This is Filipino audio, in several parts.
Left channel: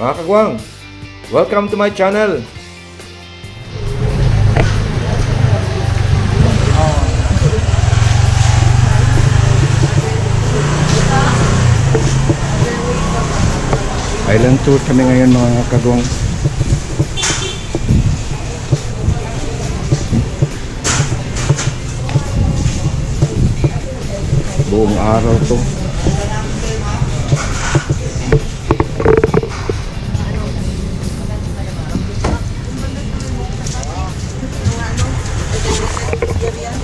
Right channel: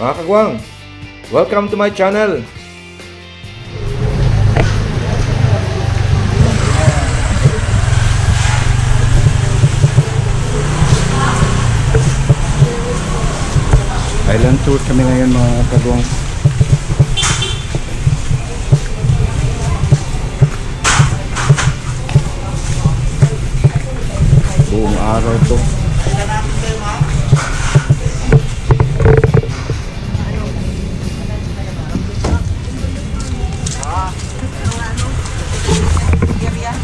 Mga kagwang, welcome to my channel. Island tour kami ngayon mga kagwang. Buong araw to.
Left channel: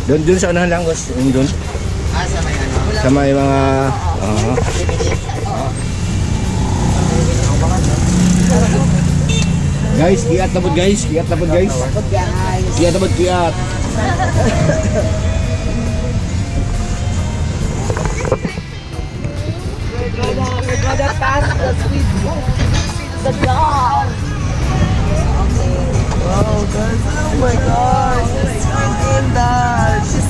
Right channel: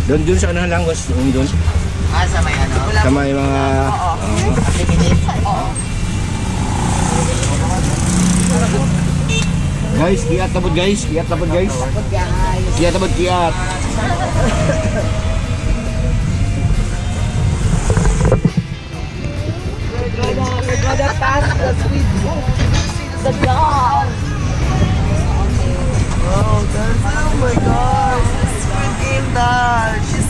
Doon sa unahan lang, boss. Doon. Sa may ano? Sa may mga... Guys, kiat tabod guys. Kiat tabod guys. Kiat tabod kiat. We're gonna pass the sweet the dog. Oh, that's, oh my gosh, it's Linda. She's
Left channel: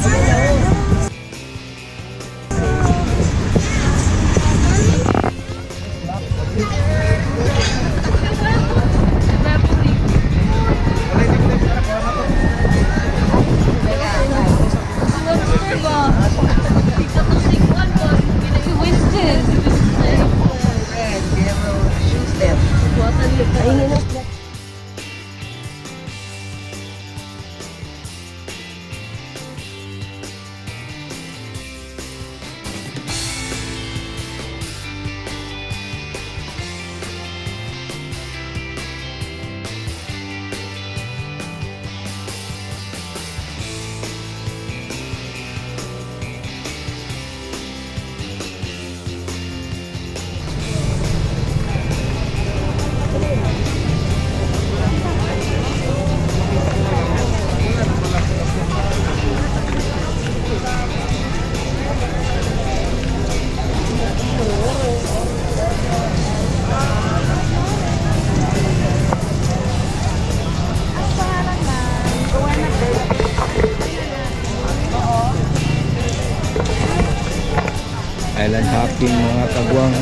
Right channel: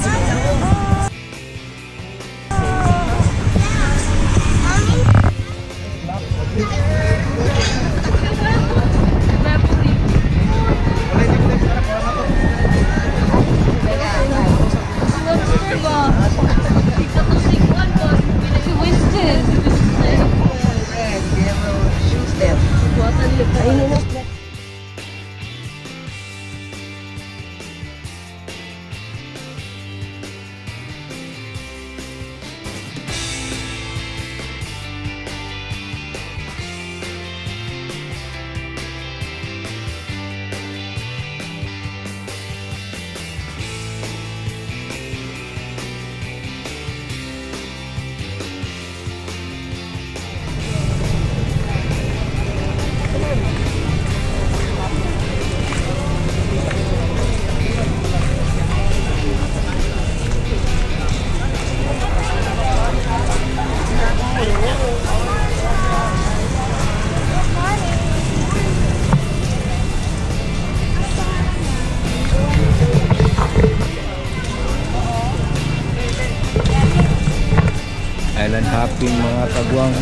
Island hopping mga kagwang.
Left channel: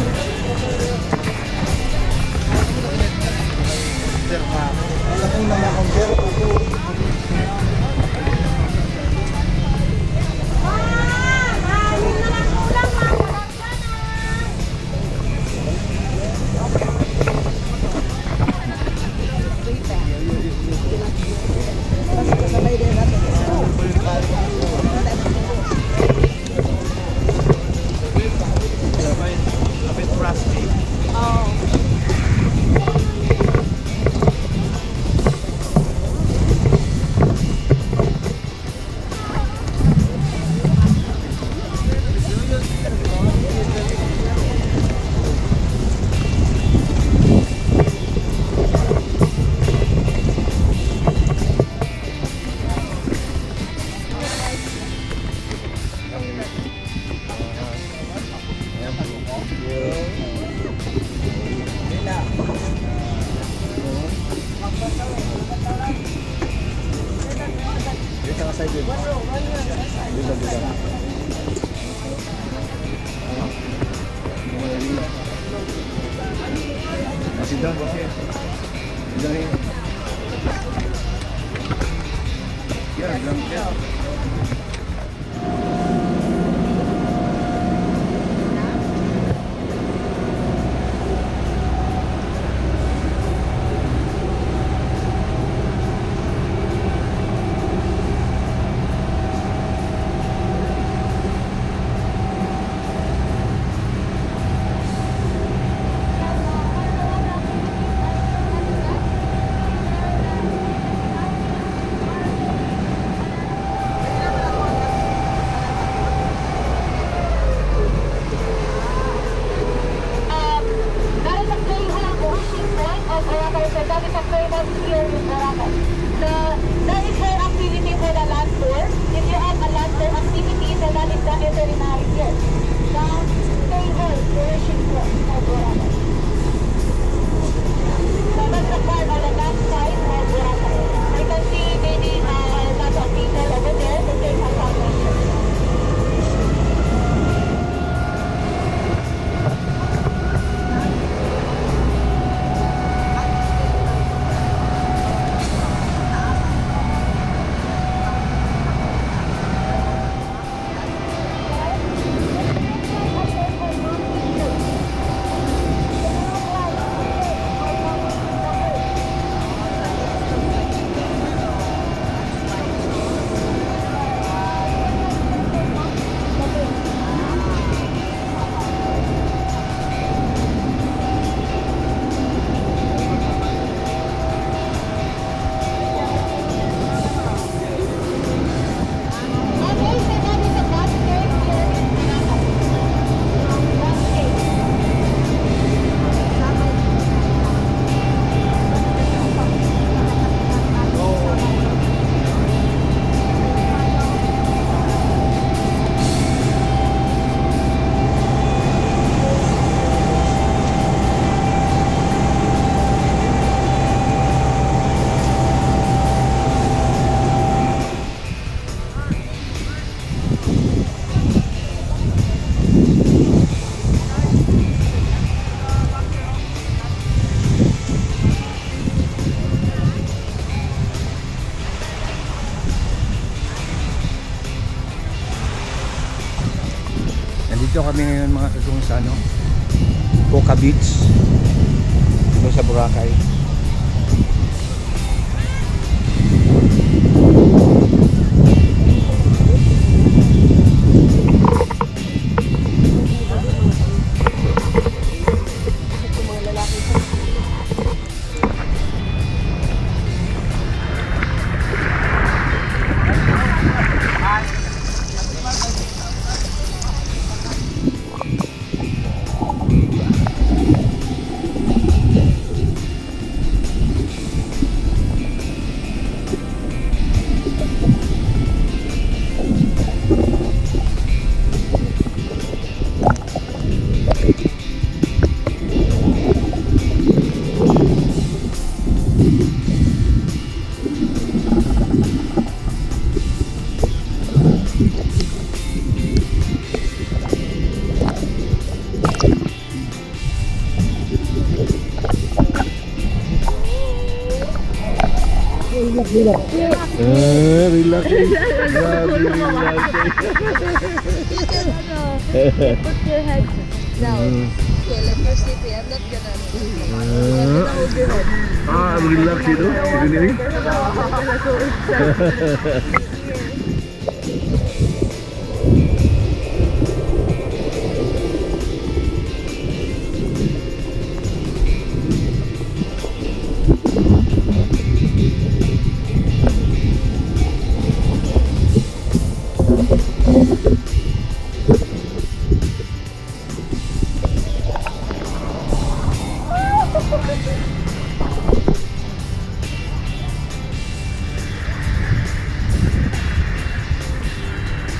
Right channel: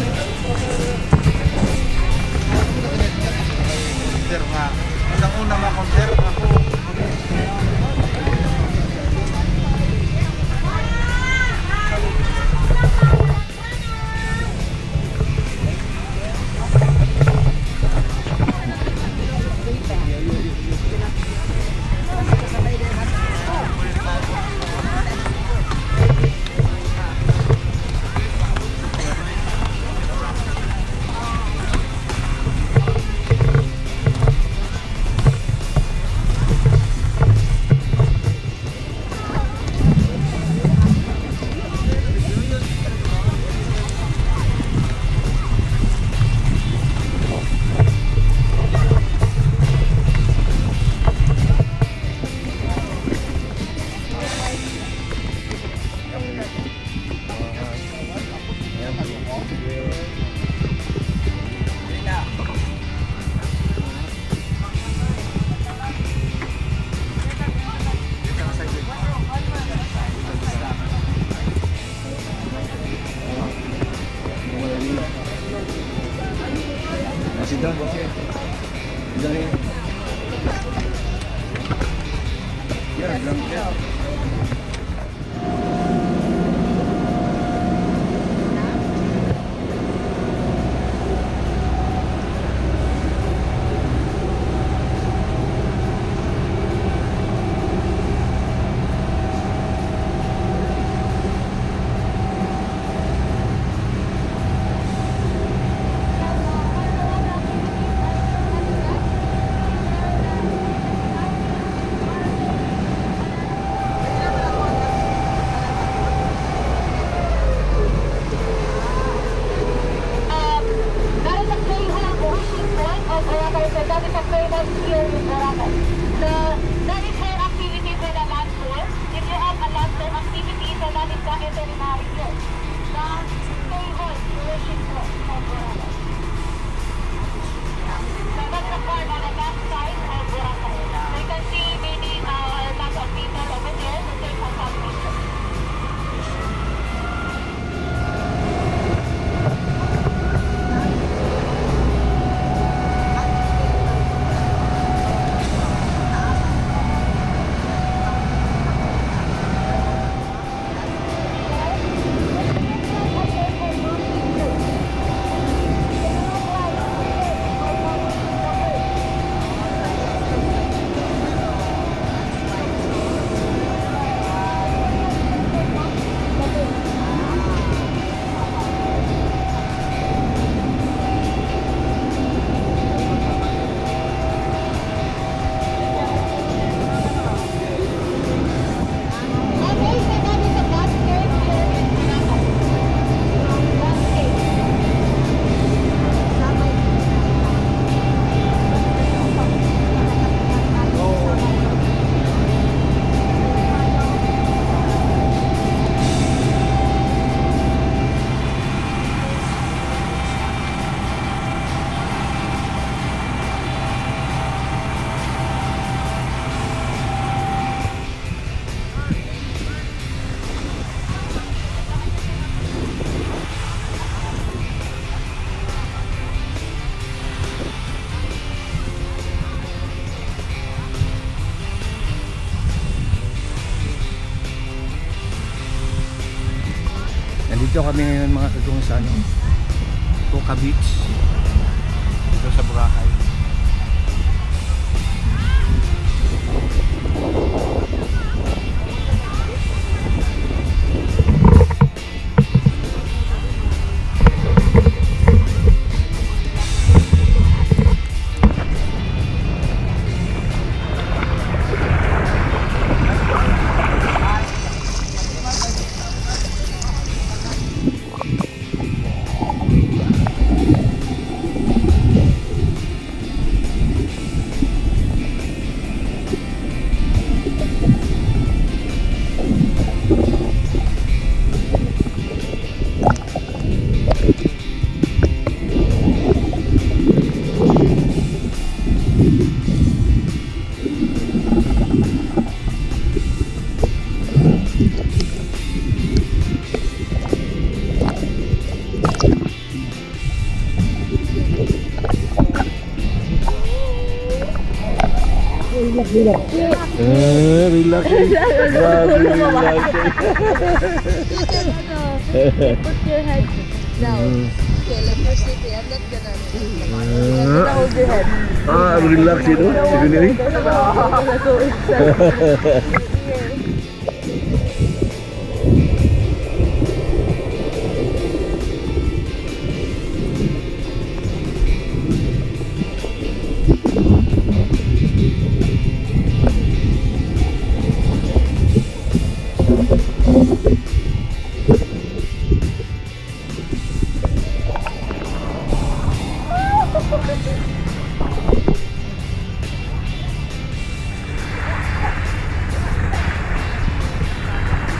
Masih dah, ya, bilang Dito kami ngayon mga kagong sa ano, Boca Beach. Dito sa Boracay. Relax. Grabe, relax. You can put your head down. Okay, let me sleep. I'm not gonna hold your head. Relax itu. Segini.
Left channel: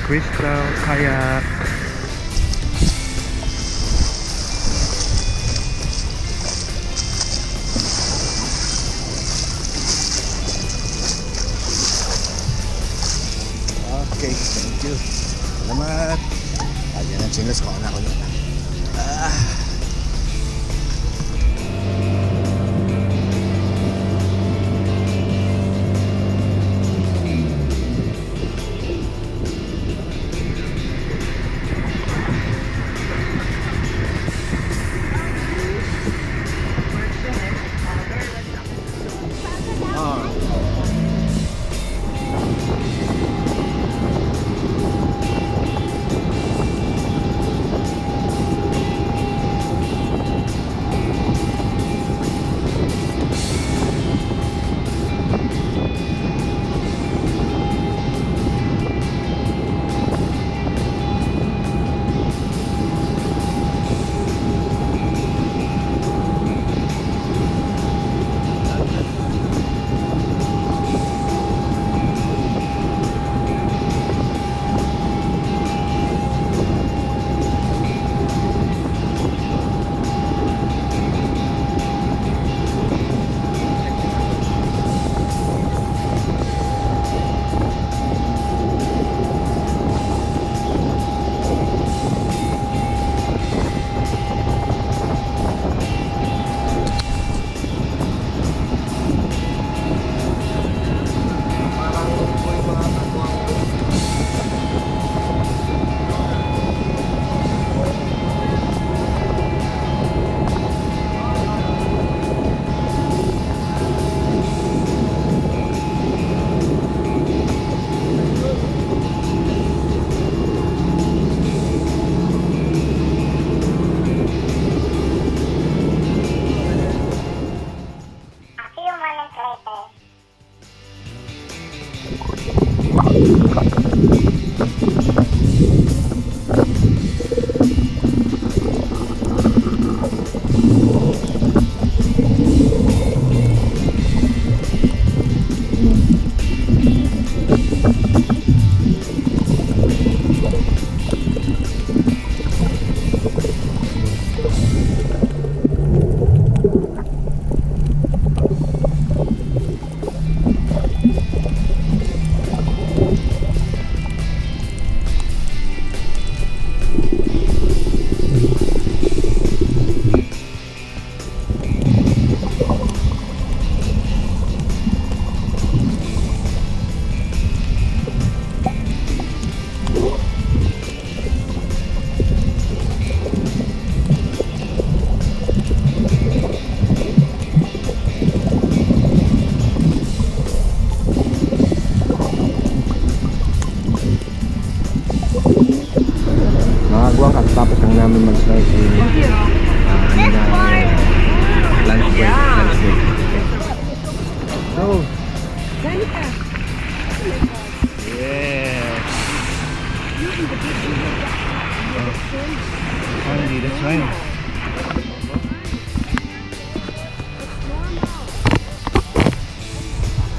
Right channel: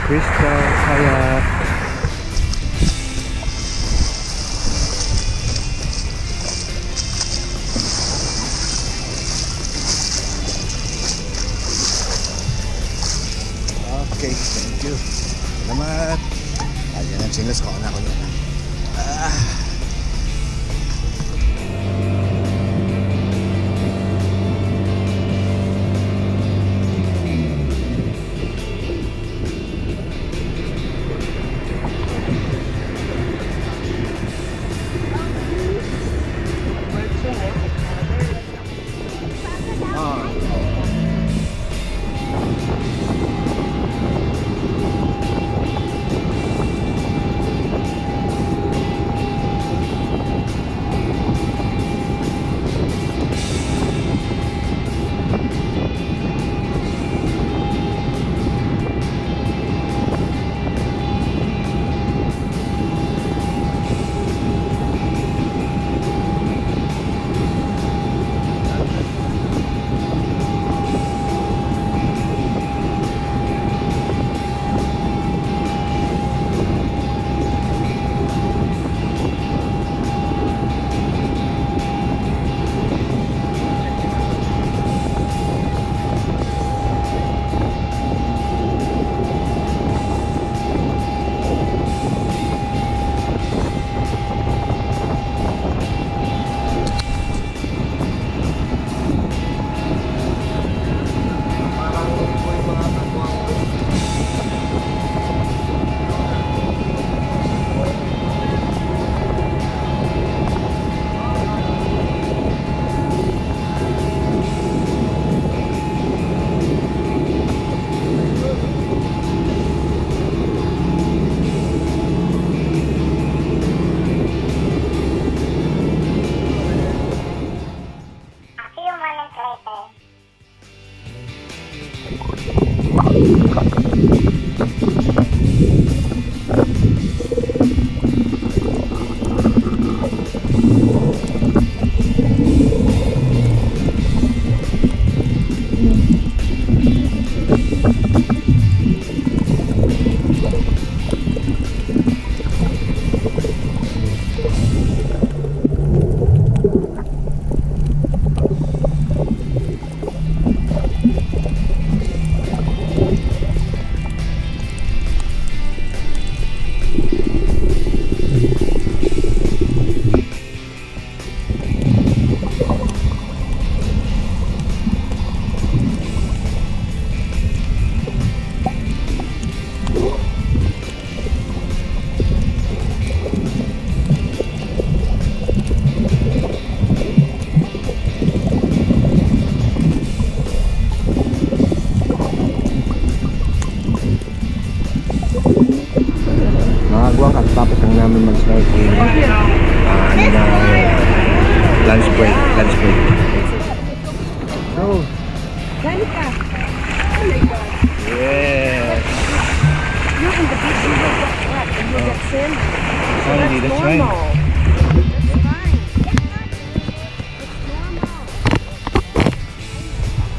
Crystal kayak. Okay, thank you. Salamat. Ayan ang chinos ko na ako niya.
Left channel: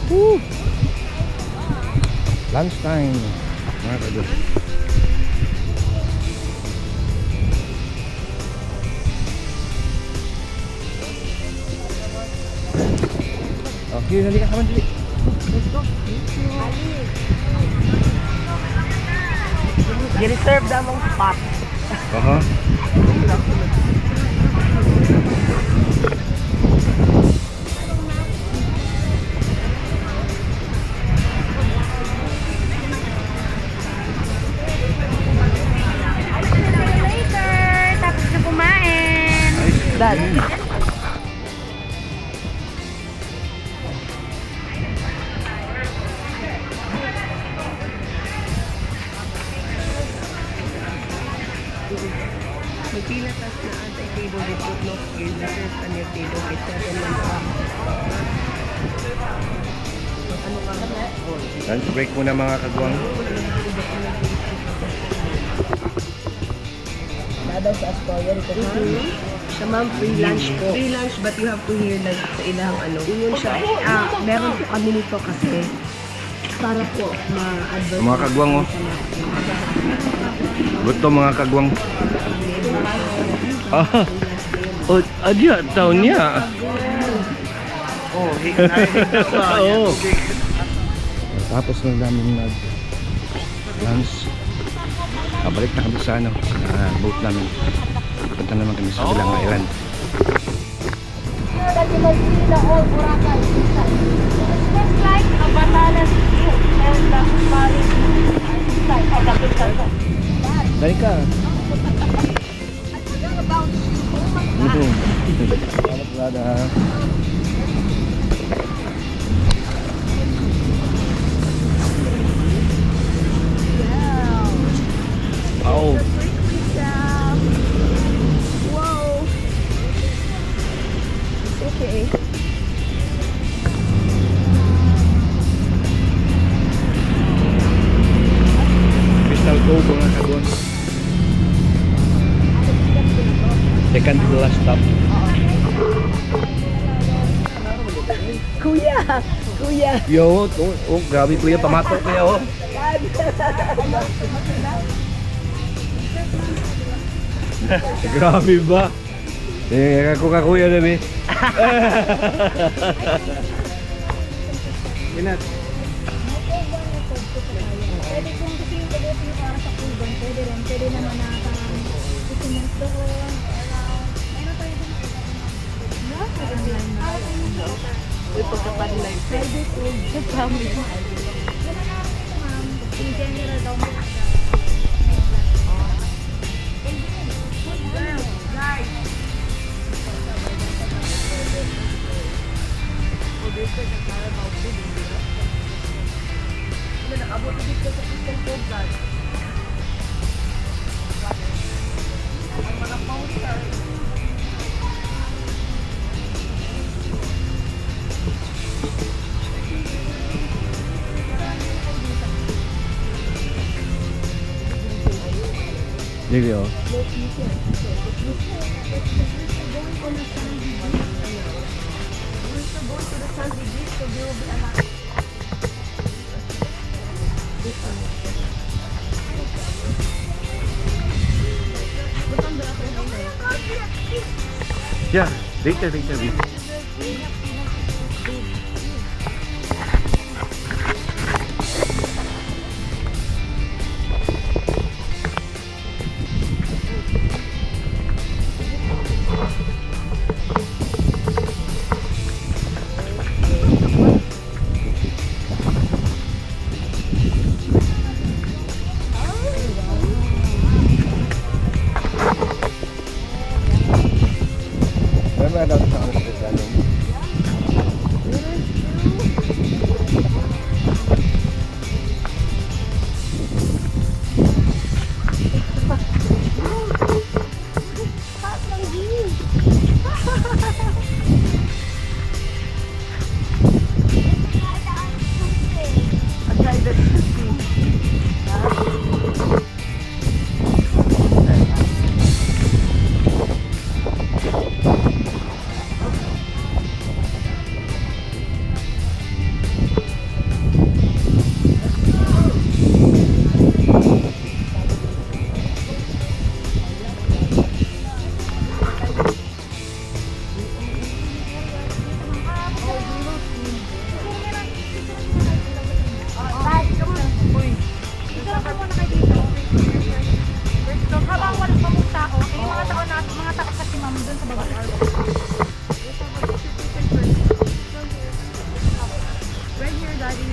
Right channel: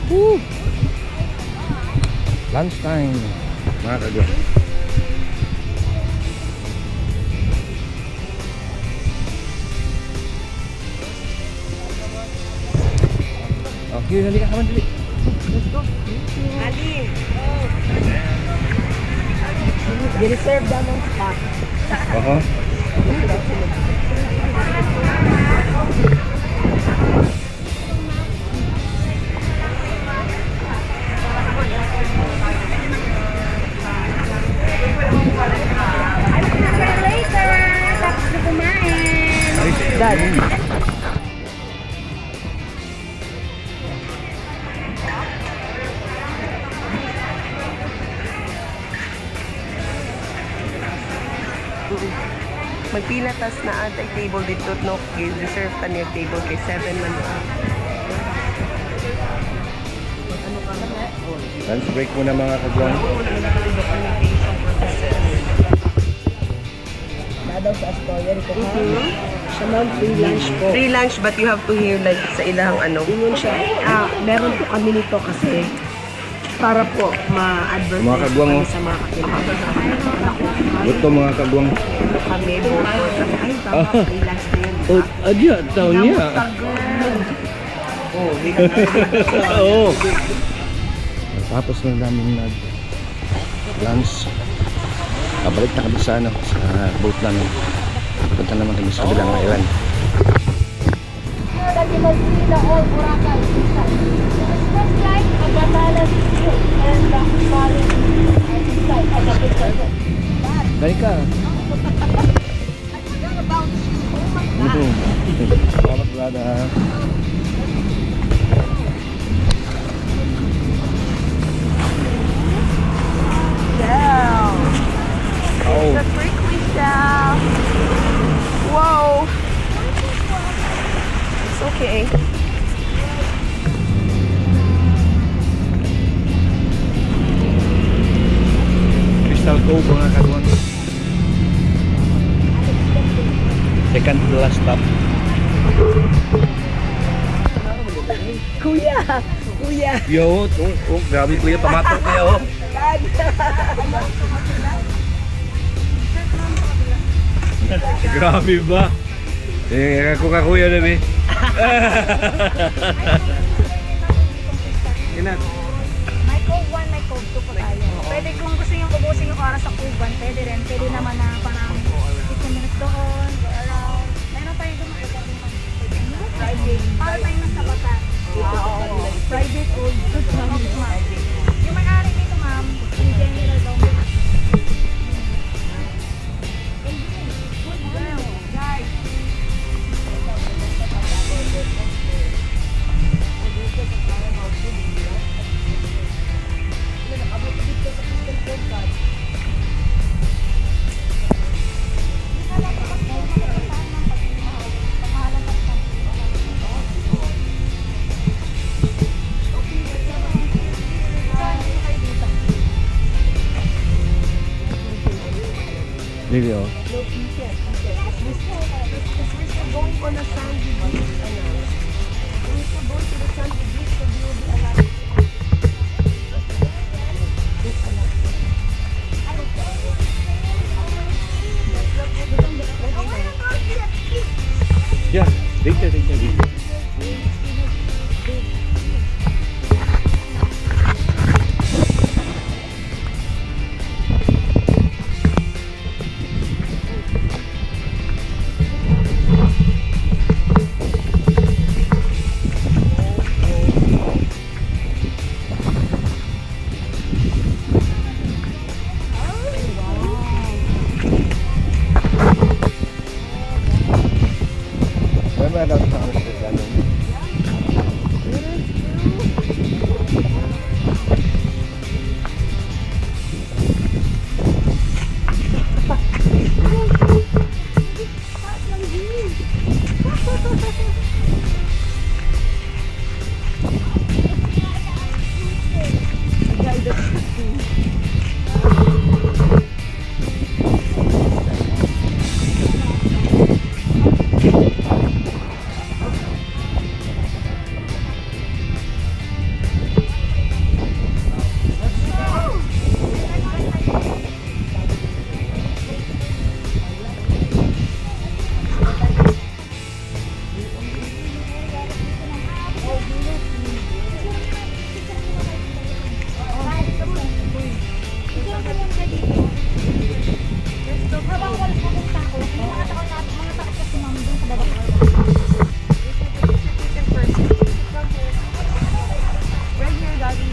Woo! Lunchtime, mga kagwang. Okay, dali ka kaman, dali. Let's go. Ali. Reserve daw mong spot. Aha. Later. Tapos na kumain. Dad. Magpila tas na ang table dito no yung reserve pa niya table kay 7 man up. Ano ka na? Lunch break muna, mga kagwang. Nadaw sa Astoria dito ha. Siya ma'am, free lunch po. Free lunch but you have to hear like sa ilang ano. Ingon siya. Meron po kami nito kasi para po ma-advance Mga kagwang, oh. sa mga Gusto, mga kagwang. kami. Ah, oh, adya, taon niya. Oo. Tapos na namin nag-lunch. Pabalik na kami sa boat namin. Punta naman kami sa kabilang island. That you can see the whole Boracay inside. It's just like a Batanes view and the Bali inside of the picture. Dali ka. I forgot about you. Oh my God. Salamat, brada. Yeah. Oh. The freak we saw. Whoa. It's okay. Crystal Cove, mga kagwang. Second to the last stop. Kuya! Kuya! Yo, grabe kuya, pamatok kuya, oh. Grabe ba? Ako ka kuya na, be. Inat. May Cove 1, may Cove 2 pa tayo. Pwede kung gusto nyo ubusin yung para sa Cove 1, pwede rin. Pwede naman na parang ikumulus doon, go around. Meron tayo doon. Para tayo ng sabatan. Private Cove. Yung may-ari nito, ma'am, yung general daw. Good girl, guys. Dili, oh. Going on a sandy beach. We're going to the sandy beach so there will be a lot. Yeah, later, later. Remember daw sa kanila dyan? here, Daddy.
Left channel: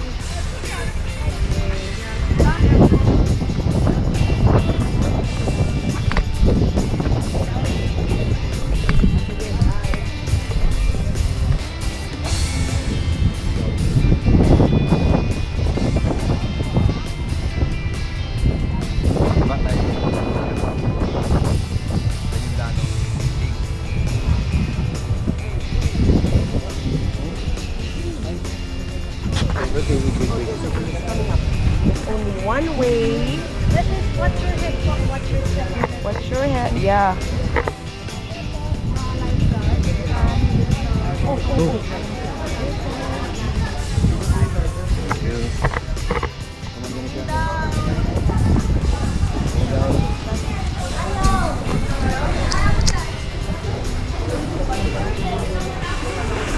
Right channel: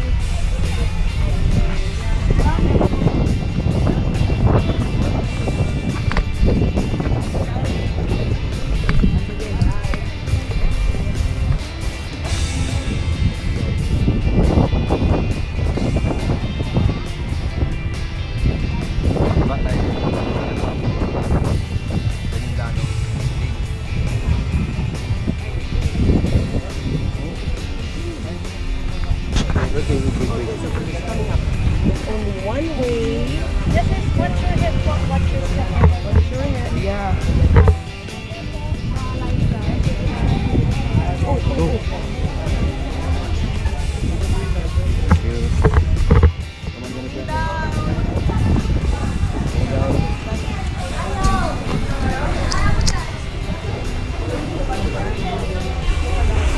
Bak tayo. Tagindano. Okay. There's only one way. This is what's your hip, what's your step. What's your head? Yeah.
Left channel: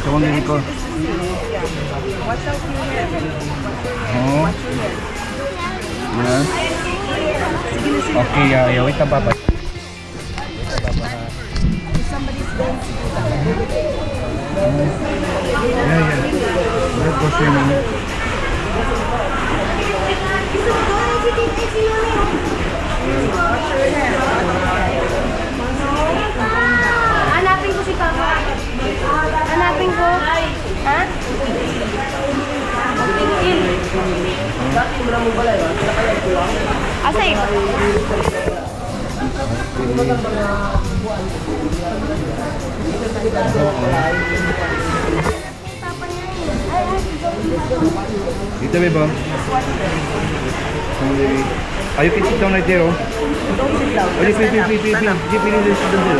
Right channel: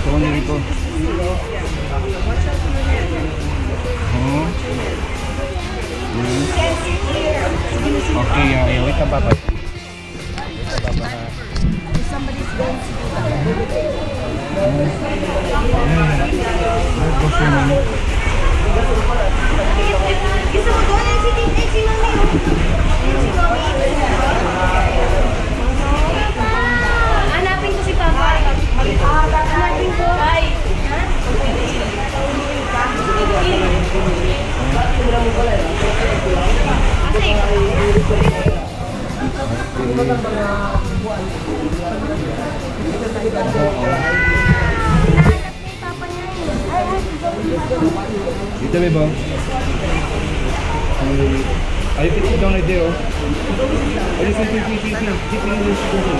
Tumangin ko. Watch out your head. Oh. Nah. Okay, yeah, wait ka baba. Wait ka baba. If somebody's going to do that. Yeah. Let's go for a minute. Hanapin ko si Papa. Hanapin ko. Ha? Asa ikaw? Hinahanap ni Papa niya eh. Dito, bebo. Are you can sit down right there, oh. Oh, you feel. Keep it in the sit down there.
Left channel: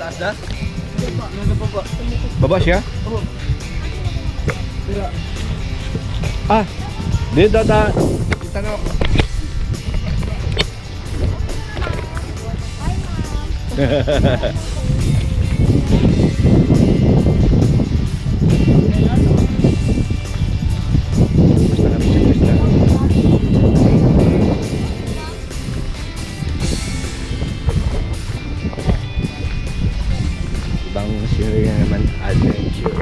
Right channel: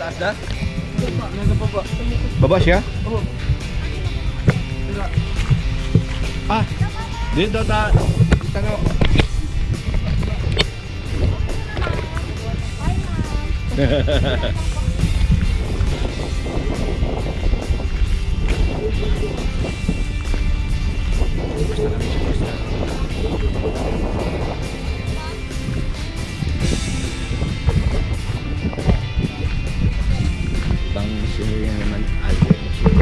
Taas na? Baba siya? Oo. Ah, dito da. Tanong. Basta kami sa Krista. Ibang scenery na naman, adventure.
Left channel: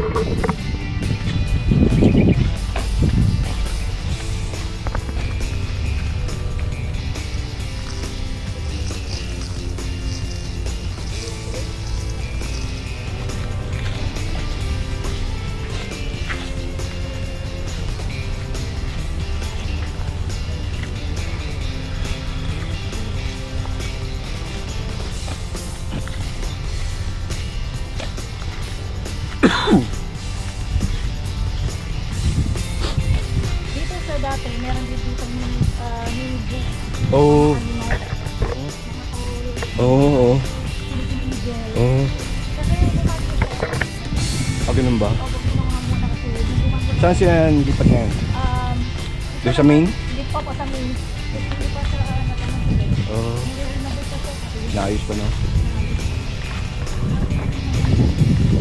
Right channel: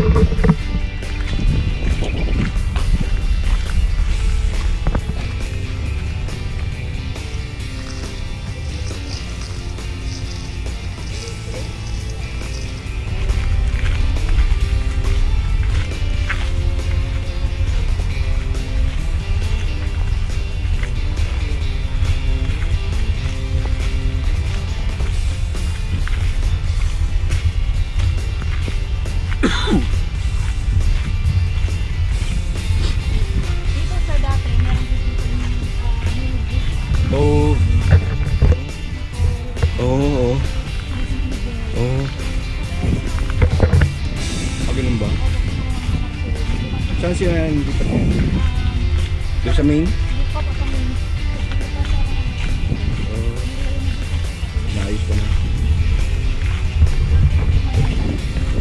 Ganun ba? O gusto mo muna kasi hindi Saan sila lipat ngayon? Doon sa main? hindi pa po sa main. Hindi pa sa Oo. nabisa po kasi Naayos pa na.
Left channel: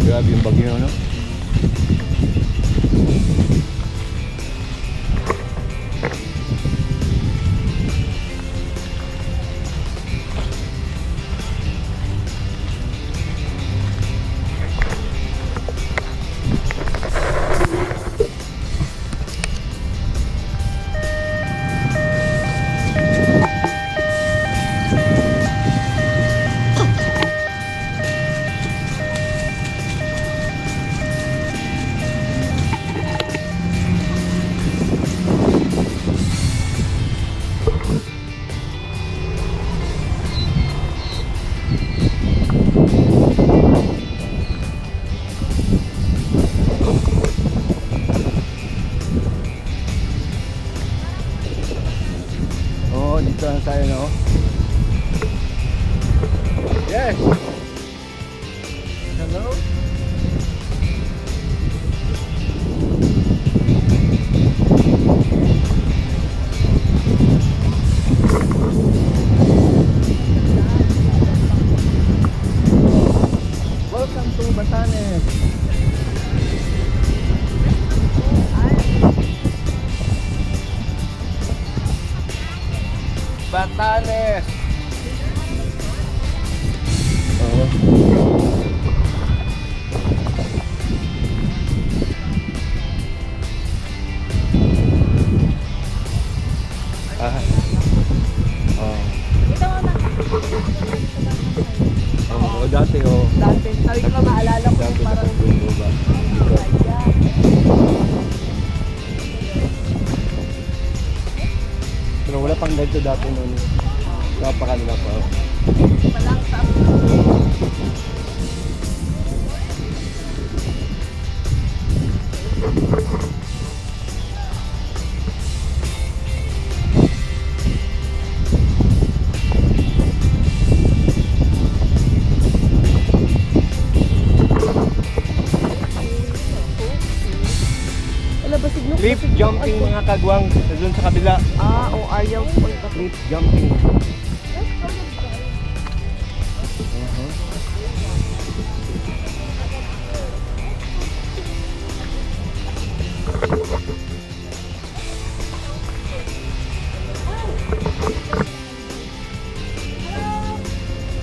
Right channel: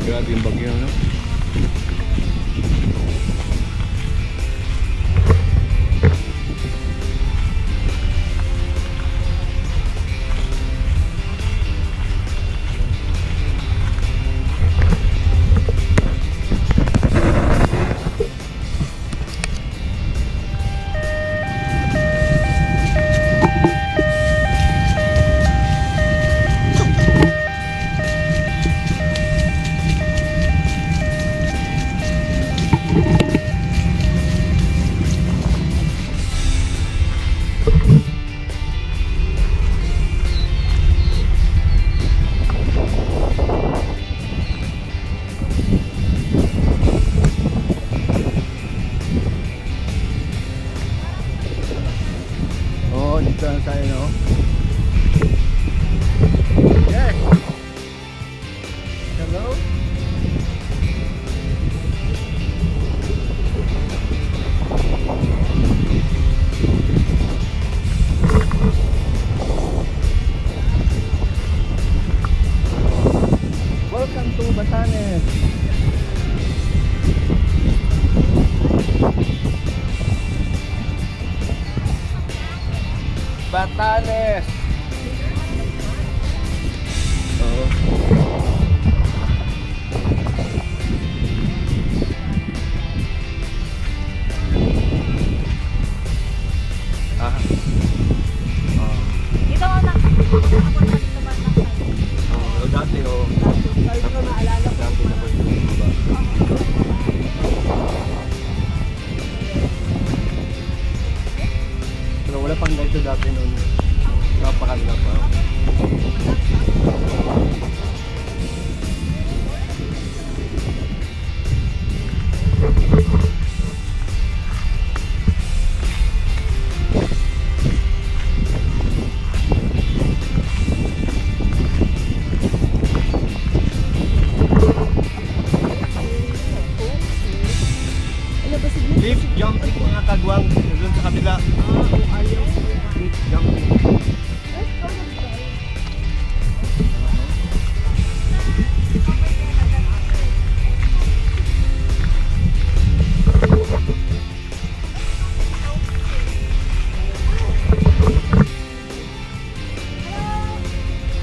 Grabe yung bagyo, no? Oo, dito na tayo, no? Yes! Hello? Welcome to Batanes! Batanes! Oo. Ah. Oo. dito mo nakapunta ka dito ba ng kayo? Oo, dati, oh. Dati, sabi ko maalala ko Dati parang dapat doon ba? Dito. Pero wala pang ganito dati noon. Napakalala pa. Ala ba siglo? Cliff jumping mga kagwang doon sa kabila. O ayaw ko. Cliff jumping.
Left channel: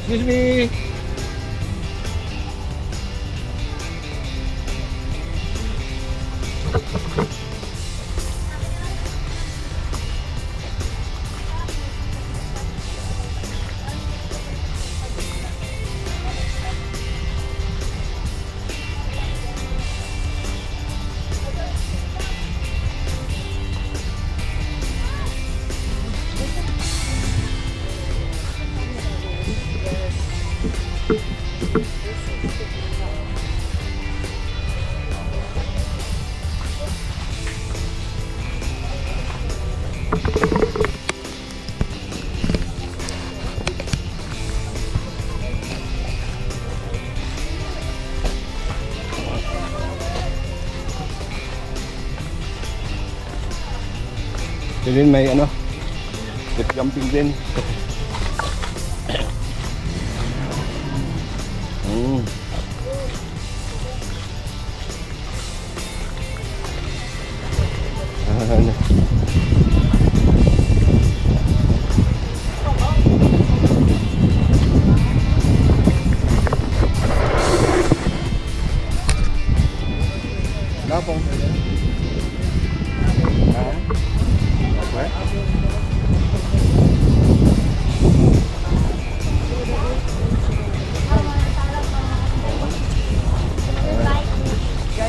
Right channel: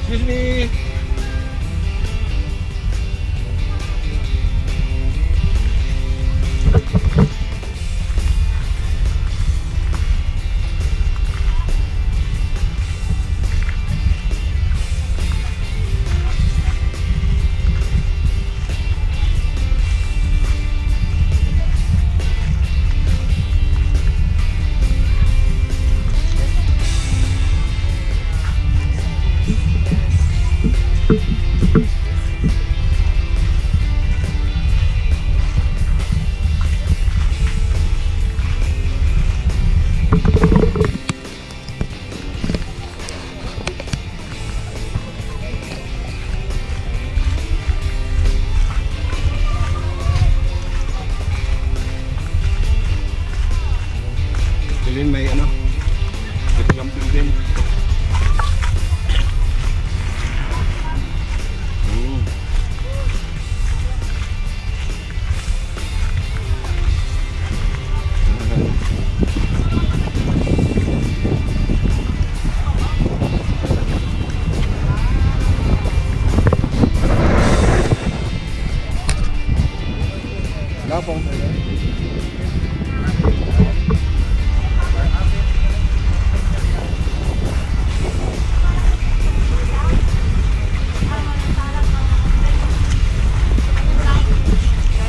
Excuse me. Din may ano, cliff jumping din. Ano. Lapong.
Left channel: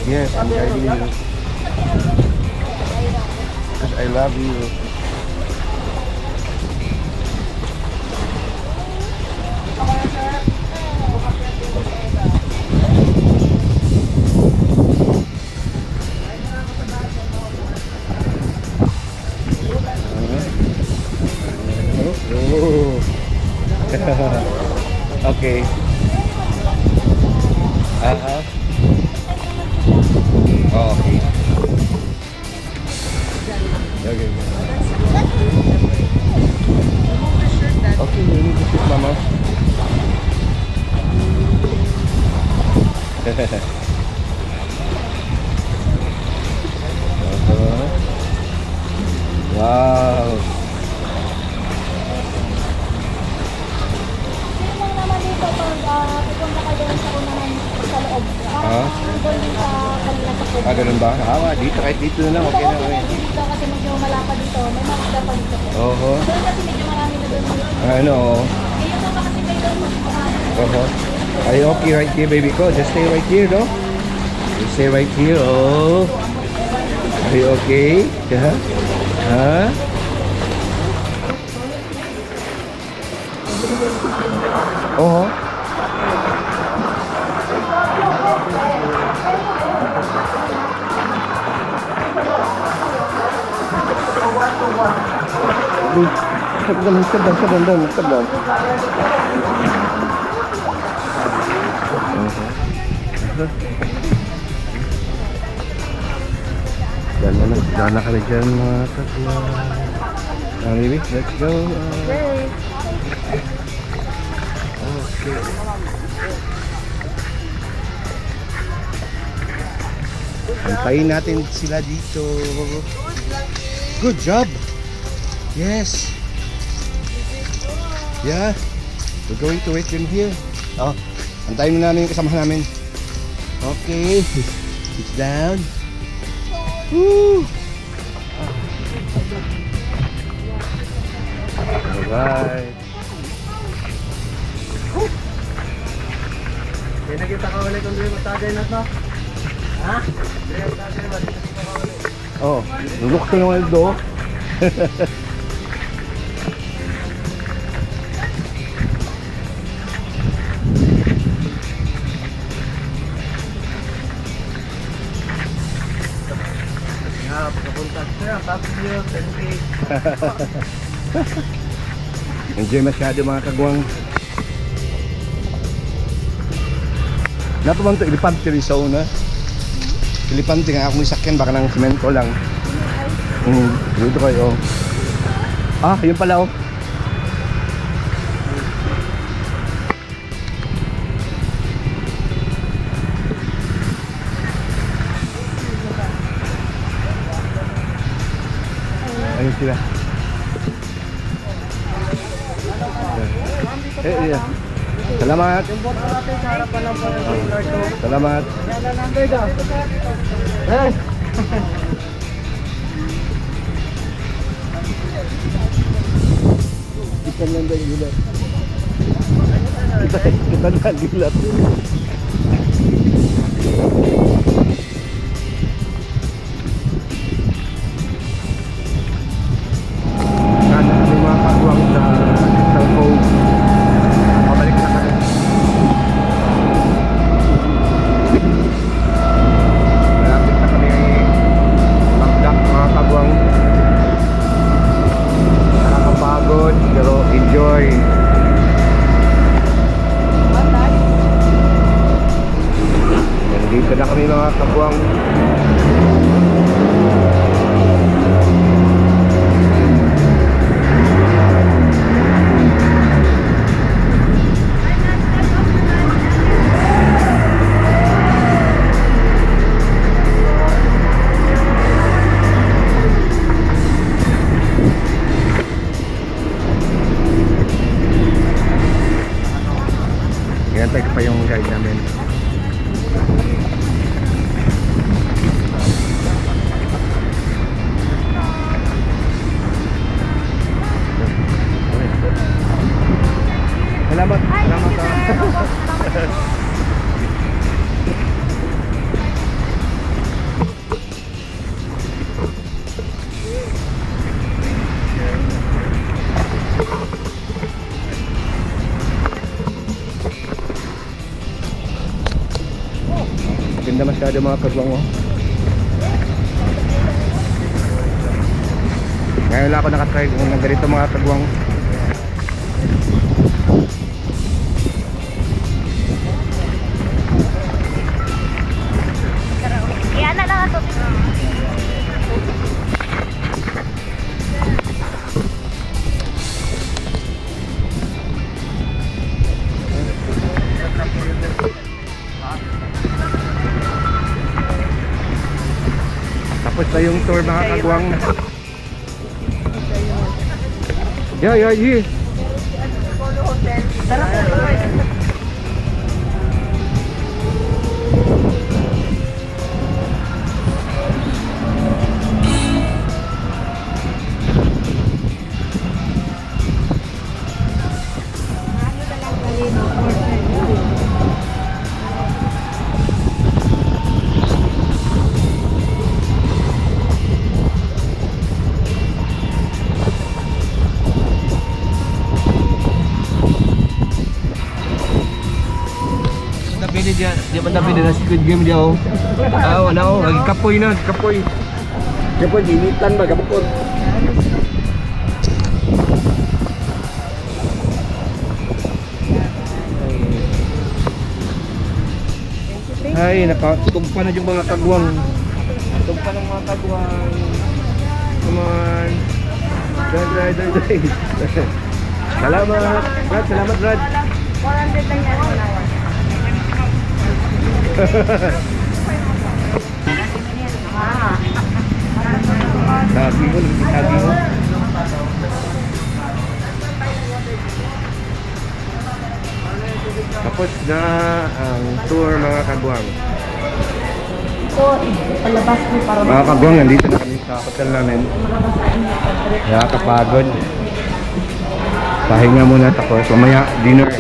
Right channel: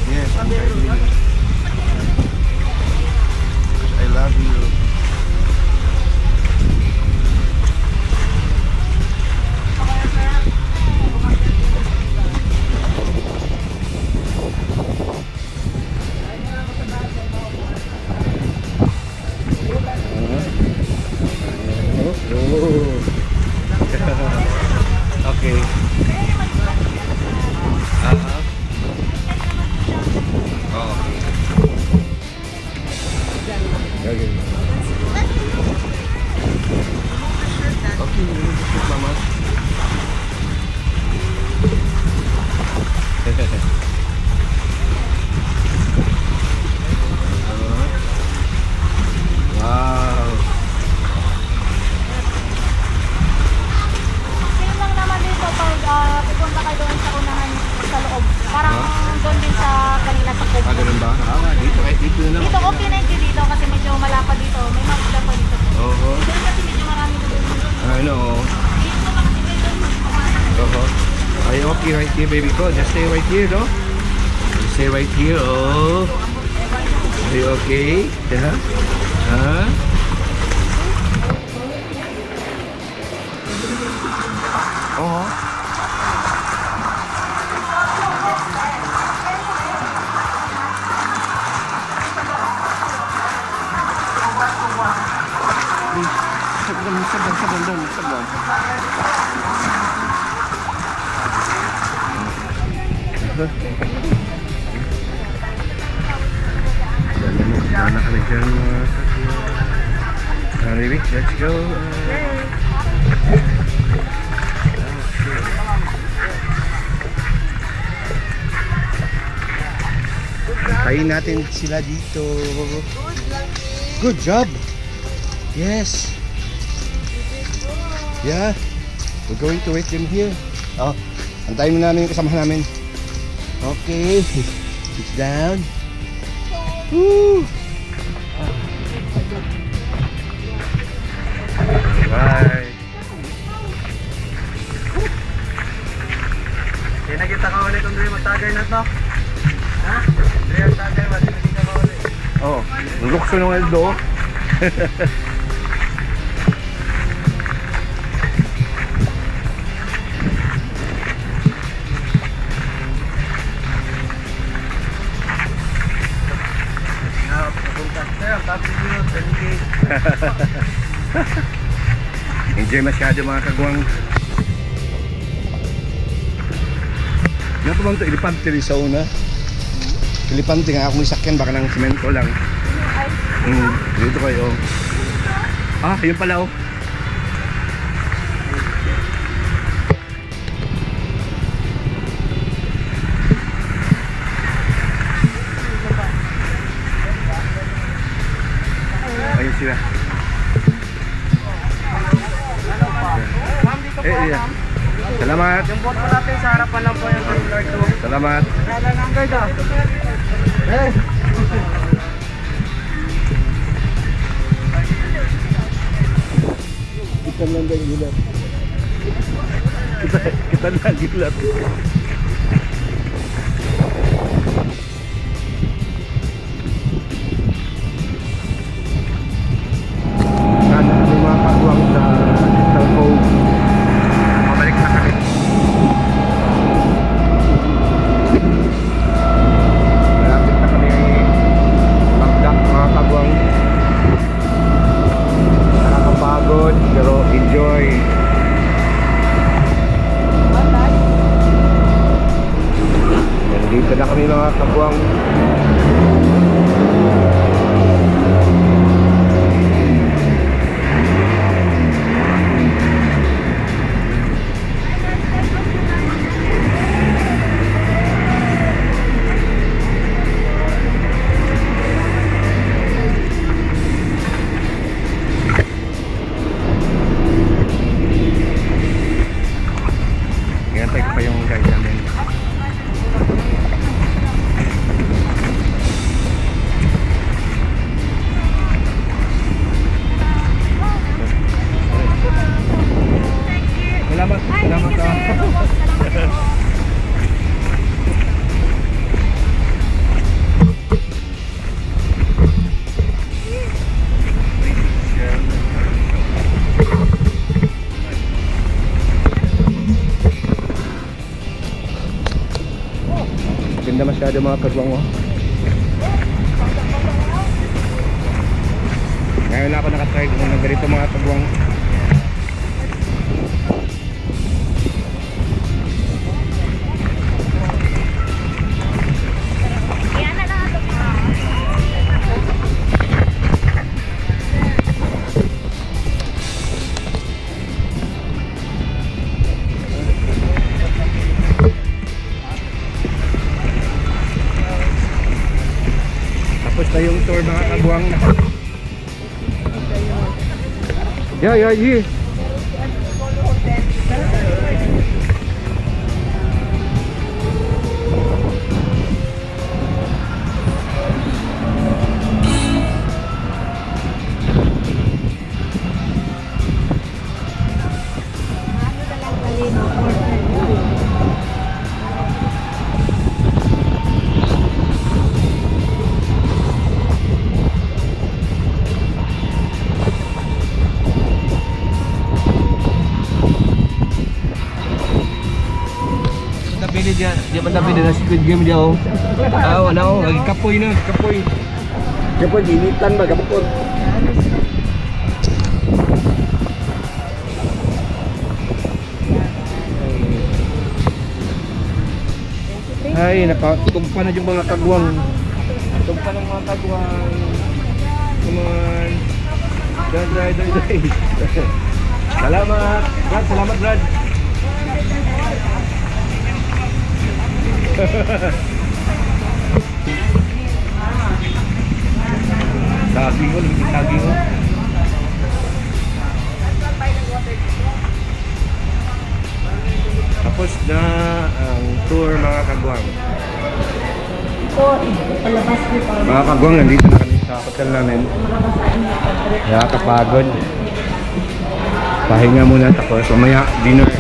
Yes, I'm guiding you. Because I love you. Okay. Wow. Yun lang naman dito pag pupunta ka doon sa unahan sa loob. Parang Ah? doon din sa kanila sa kubo. Ganun ba? Dito kahit dito na lang. Dito Okay okay na. na dito kasi medyo malapad dito. May mga isda pa dito po. Oho. Doon kasi medyo marami na doon. Ano? Eh, yung mga kasi may doon. Oho. Are you okay right here, baby ko? Just stay right here, no? You stay right here, oh. Are you okay? Yeah? Huh? Oh. Sabdan. Dana ka na dyan mga kakya. Baby, let's go. Okay. Antayin natin sila dito. Good job. Yes. Yeah. We're going to wait them here. Oh, antayin mo namin yung kasamahan namin. Okay. Sit down. Woo! Alright. Hindi nakita ka ulit kung doon mag-tagger na to. Ha? Hindi mag-tagger ba? Hindi nakita ka ulit. Oh, ang lukso ng Aldo. Nga, pagkapunta. Sir, ang tapos nyo, 10K. Enjoy masyado mga kagwang. Napaman to, Ilipante Rizal na. Ilipante nga akong isakyan, baka ng simento lang. Dito kayo. Yun pala oh. Ayun sila. Iya. Salamat. Yung boat po natin sa harapan lang po yung floor 2. Salamat. Hey! Kita lang dahil gulat. Kita lang gulat. Sana may mga kagwang sa Crystal Cove. Pabalik na kami. Malapit na kami magdak mga kagwang. Nakakapagod pero enjoy. Nandito na kami mga kagwang. Hintay ko pa yung guide namin. Salamat. Salamat. Ganda masyado mga kagwang oh. Ngayon lang ako nakatry ng ganito mga kagwang. Yan na lang ako. Tapos na yung tour mga kagwang. Yeah, here. Tapi dia tapi dia Squid Game dia oh. Wala oh, lagi kapoy na, kapoy. Kapoy, initan ba? Kapukot. Ay, nakatumpa na yung mga kagwang. Tumpa ng mga kagwang. Come on. Dry. Salamat. Brad, salamat Brad. 400 lang yan. Lagi mo, lagi mo. Tapos na ang tour mga kagwang. Palabas ko para Mga kagwang, nandito na kami sa hotel namin. Nakakapagod. Pahinga muna tapos mamaya dinner.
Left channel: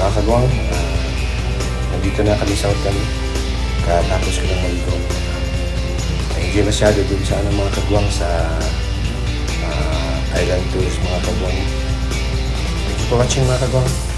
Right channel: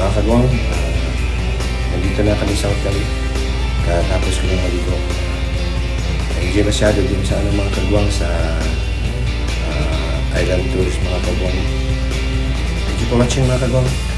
Mga kagwang, nandito na kami sa hotel. Katapos ko lang maligo. Hindi masyado dun sa mga kagwang sa island tours mga kagwang. Thank you for watching mga kagwang.